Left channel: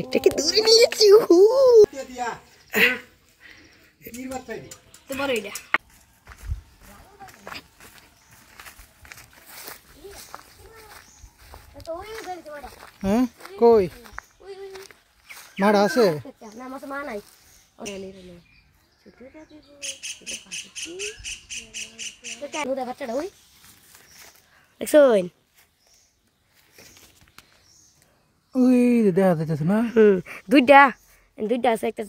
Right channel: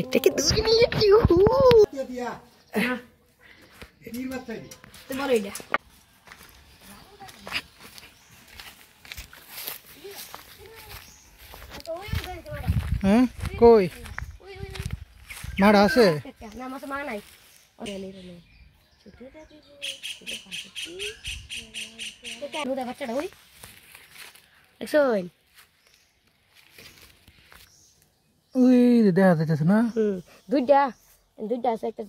একটাকে দূরে নিয়েছি তোমার ওইটা হ্যাঁ কই মাড় আছে না মাছ মা নাই বাচ্চাটা ওই দেখছেন ওই দেখা যাইতেছে না দুইটা দুইটা আছে একটা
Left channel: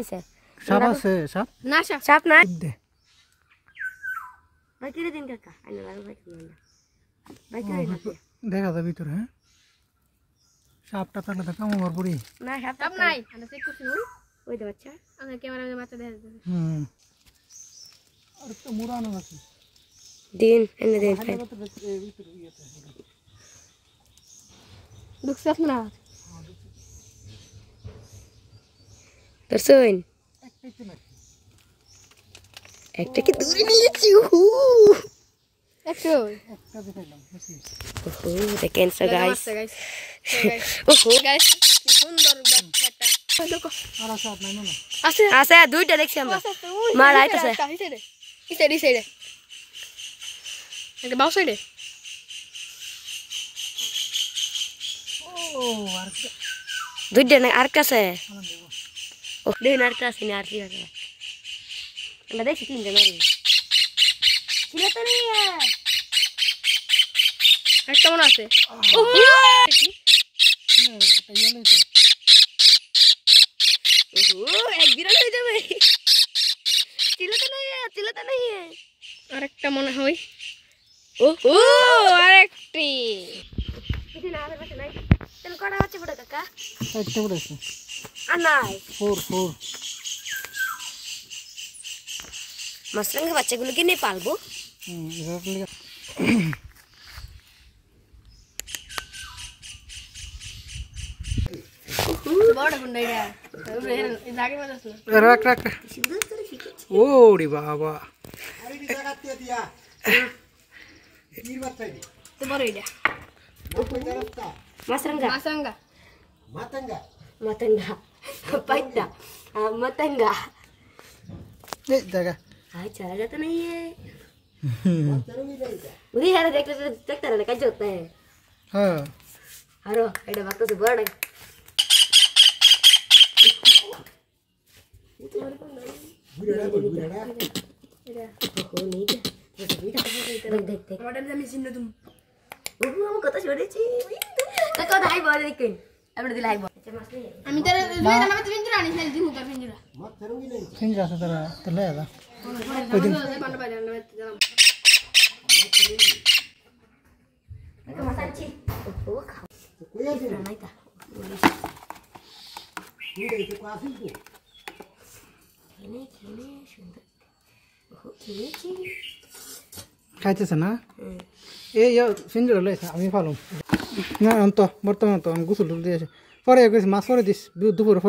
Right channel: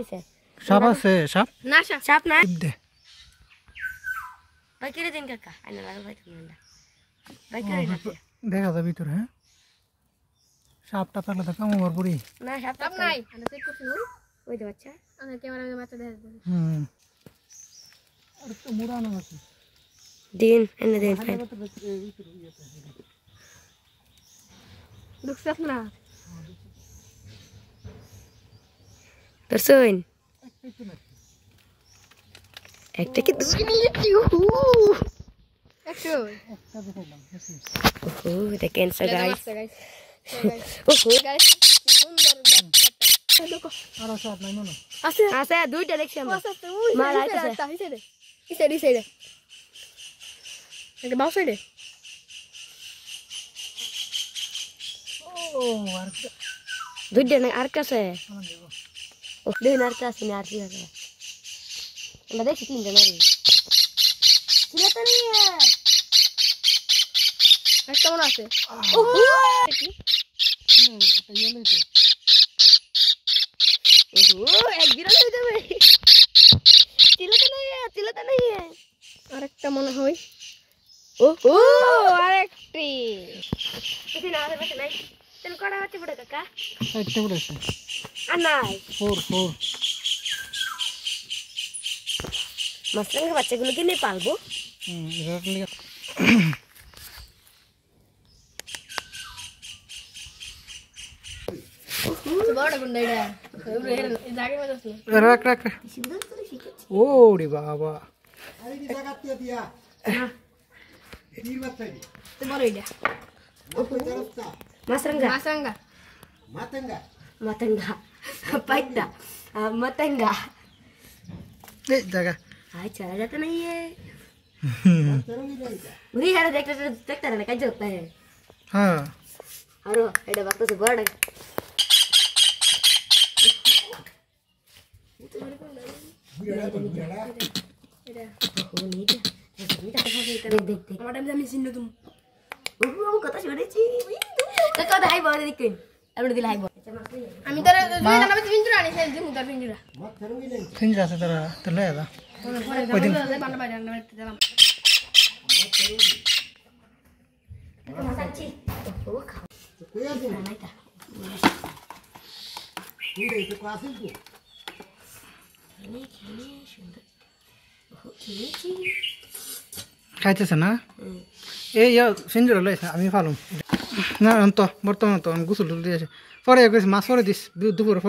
দিছে সাপ আছে সাপ না সাপ না দে ভাই কিরে দিন কাকা আইনা লাগা ভাই তুমি ভাই কিরে দেখা যাবে ভিতরে হ্যাঁ সাপটা থাকলে তো কাম ওভার পড়ি না সাপ নাই আমরা চেক করছি ওই দে বাচ্চা আমরা ক্যামেরাতে বাচ্চা দেখা যাবে আর তো মুরানো আছে দিন এনে দিন দুঃখ না দর্শন একটাকে দূরে নিয়েছি দেখেন সো গাইস ওহো গাইস কি সুন্দর বাচ্চাটা আছে আছে দুইটা দেখছি আমরা মা লাইট আছে এই সাইডে এটা বাউ সাইডে ও আর দুইটা না আর কাছে ও দুই আর কাছে না আর কি আছে আমরা দেখছি তিনটা মারি ছিল তো নিয়ে একটা মনে আছে ও এক বিরল হয়ে যাবে ছিল তো নাই আরেকটা মনে হয় ও আরেকটি এখানে না আছে নাই তেন কড়া আছে বড় কাকা একটা পড়েছে আর নাই 4 মাছরাঙা বাচ্চাগুলোকে নিয়ে পালবো রাখ ওরে বাবা मतंगा जगह हाँ चला जाता नहीं है मुझे यार देखता रहना कैसे होता है हाँ अरे एडा बात तो से बड़ा मॉडल जमी सिन्नो तुम वो कता छोड़ेছি তো কত হাই বল দেখেন আপনি দিলে হাই বল আমি তার দুইটা নামে পিঞ্জরা আনি সেল দিমু তার পিঞ্জরা पिंजरा से तेरा ले आदा कोई दिन খাইতেছে না এই পিঞ্জরা লইছে আমি ফালুম না তো বর্তমান তো আমি গোসল দিয়েছি পরে মাছ পরে দিস দুপুরে